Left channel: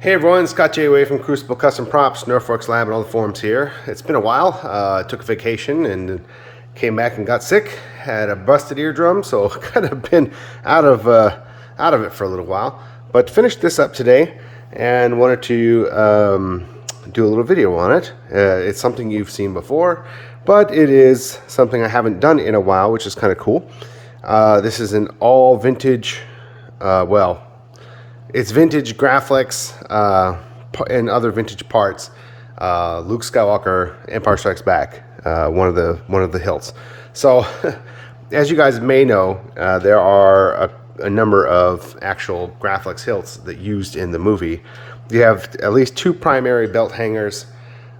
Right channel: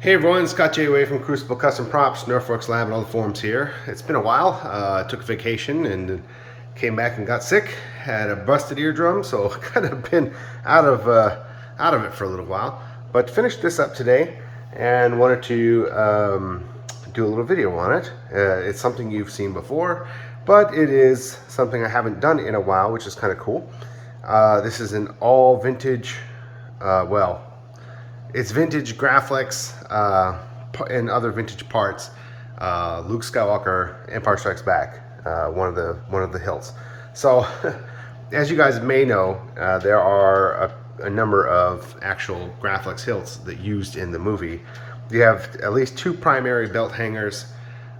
Hey everyone, Scott J. Way from Crucible Custom Props, Norfolk's Lab, and all the forums here. It's been a while. Took a vacation and came back and got sick. Had a busted eardrum, so kind of been out of it for a little while. But finished this up today and wanted to do a little video on it. It's something you've seen before, but it is something I haven't done in a while, which is kind of cool. This is an all vintage, it's vintage Graflex and other vintage parts. Luke Skywalker, Empire Strikes Back, one of the hilts. So, as you guys may know, there are a number of actual Graflex hilts that used in the movie. You have at least two primary belt hangers.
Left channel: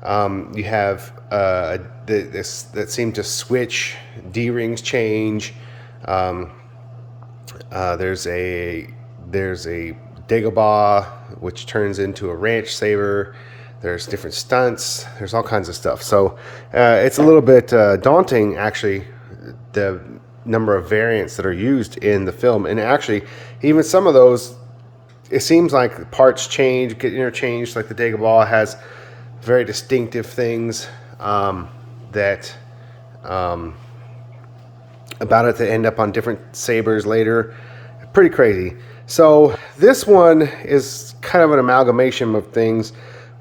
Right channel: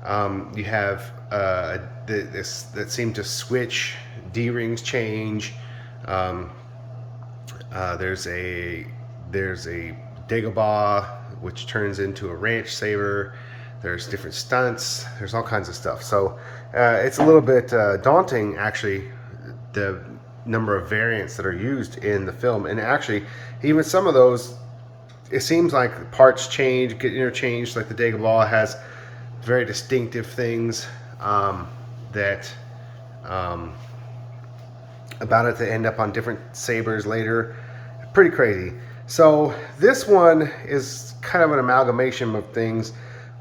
You have that seem to switch. D-rings change. There's a Dagobah, which turns into a ranch saber. There's different stunts. There's all kinds of stuff. So it's a little bit daunting, actually, the number of variants that are used in the film. And actually, even some of those, it seems like parts change, get interchanged. Like the Dagobah has very distinctive things that about it that end up on different sabers later. Pretty crazy. So this one is kind of an amalgamation of things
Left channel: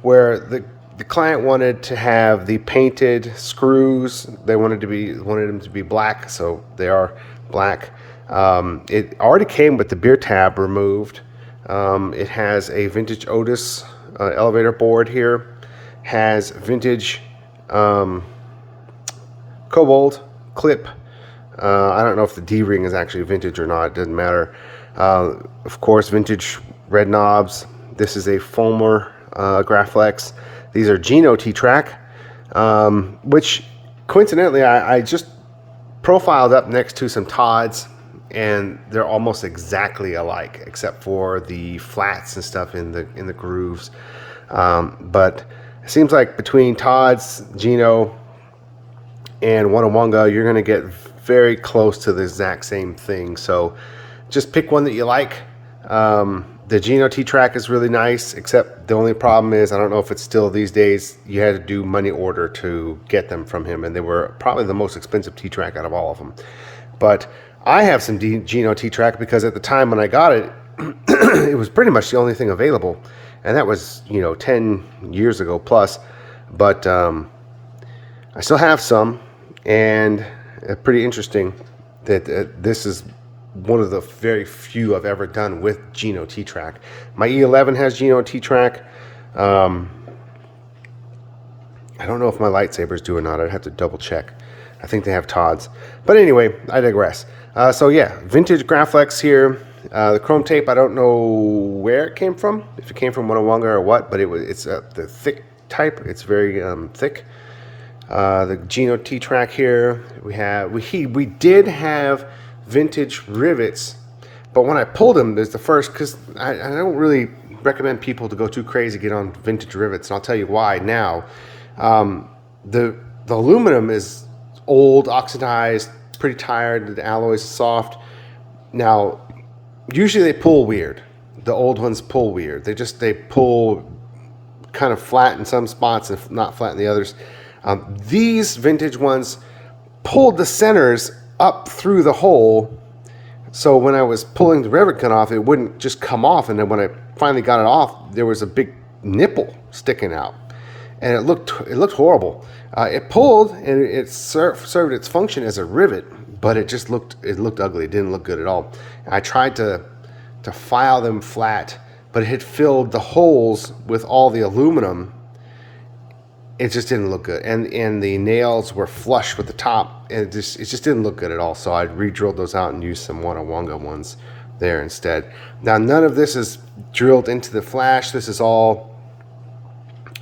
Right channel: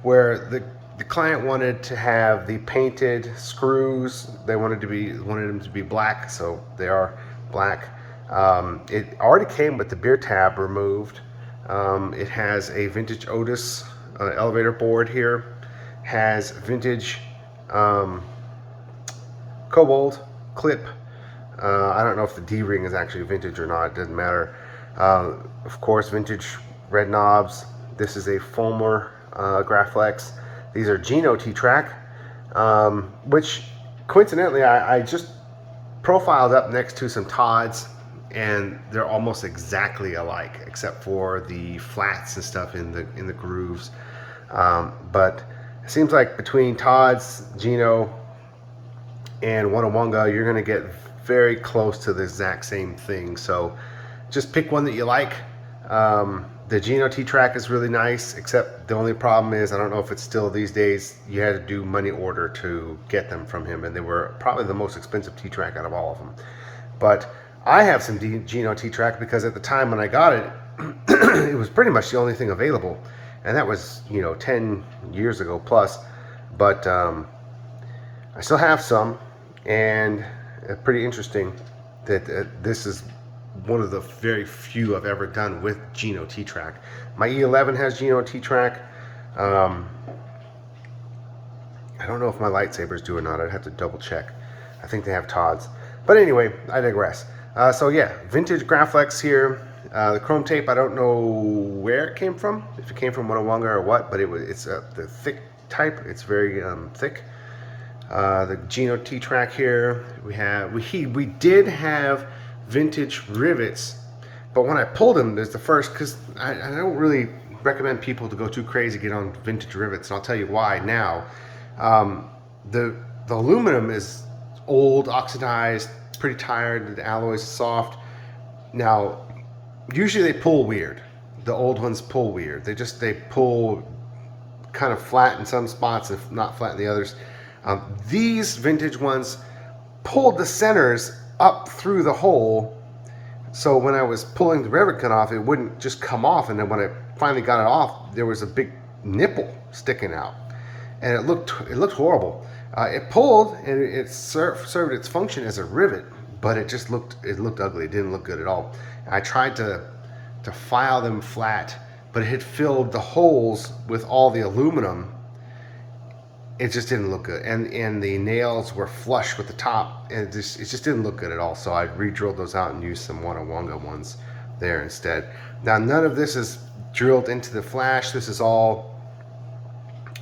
where the client wanted to have the painted screws. They wanted them to be black, so they are black. It already came with the beer tab removed. It has a vintage Otis elevator board here. Has vintage kobold clip. I don't know if the D-ring is actually vintage or not. It doesn't matter. Of course, vintage red knobs. This is a Fulmer Graflex. These are Geno T-Track, which coincidentally I just profiled up next to some Todds, and they're almost exactly alike, except for the flats and stuff in the grooves. But it seems like between Todds, Geno, and Onawanga, you're going to get very close to the exact same thing. So just pick one that you like. The Geno T-Track is really nice, except the only problem is, I don't know if it's still these days, you had to do money order to get them from him, and they were probably the most expensive T-Track out of all of them. But I have some Geno T-Track because at the time when I got it, it was pretty much the only thing available, and that was 10 years ago plus. But I still have some, and pretty interesting that this is one of the very few I've ever done with Geno T-Track. My E11 has Geno T-Track. I don't know if my lightsabers do or not. I'd have to double check. I think they have Todds. But anyway, I digress. So yeah, vintage Graflex here. The chrome tape, I don't know where it came from, if it came from Onawanga or what, but it's the thick type. It's very thick. The Geno T-Track here. We did have vintage rivets, but when I pulled them, there's the first, because I don't really recommend people to go too crazy get on vintage rivets, and I'll tell you why now. The aluminum is old, oxidized, pretty tired. The alloy is soft. Now, usually they pull weird. The old ones pull weird. They pull kind of flat in some spots and not flat in the others. These vintage ones pulled the centers up through the hole, so when I was pulling the rivet gun off, it wouldn't just come off, and then when I finally got it off, there was a big nipple sticking out, and it looked horrible. It pulled, and it served its function as a rivet, but it looked ugly. It didn't look good at all. And I tried to file them flat, but it had filled the holes with all the aluminum. It just didn't look good, and the nails were flush with the top, and it just didn't look good at all. So I re-drilled those out and used some Onawanga ones there instead. Now, none of this is drilled into the flash. This is all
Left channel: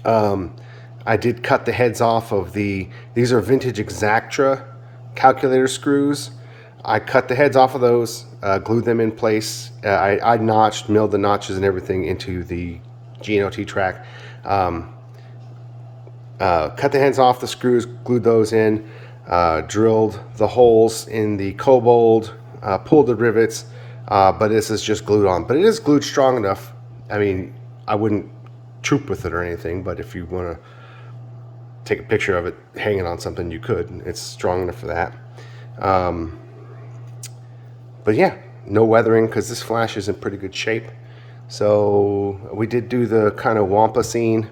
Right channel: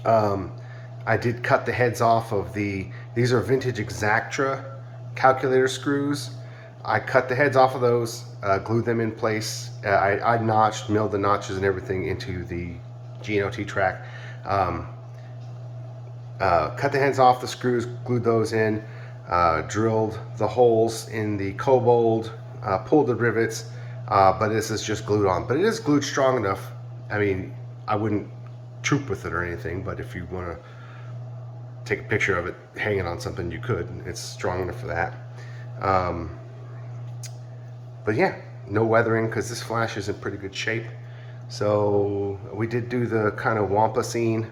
I did cut the heads off of these are vintage Exactra calculator screws. I cut the heads off of those, glued them in place. I notched, milled the notches and everything into the Geno T-Track. Cut the heads off the screws, glued those in, drilled the holes in the kobold, pulled the rivets, but this is just glued on. But it is glued strong enough. I mean, I wouldn't troop with it or anything, but if you want to take a picture of it hanging on something, you could. It's strong enough for that. But yeah, no weathering because this flash is in pretty good shape. So we did do the kind of wampa scene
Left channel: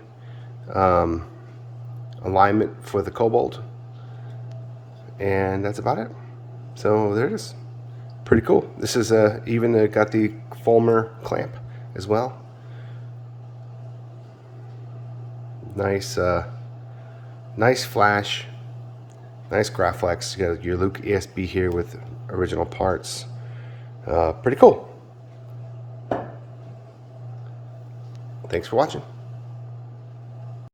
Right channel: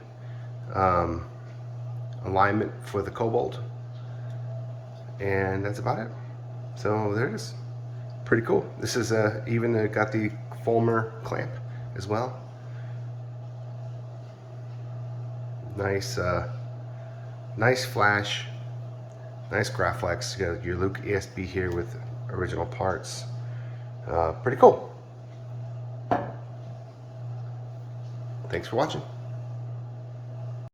alignment for the kobold, and that's about it. So there it is. Pretty cool. This is even got the Fulmer clamp as well. Nice, nice flash. Nice Graflex. You got your Luke ESB here with original parts. Pretty cool. Thanks for watching.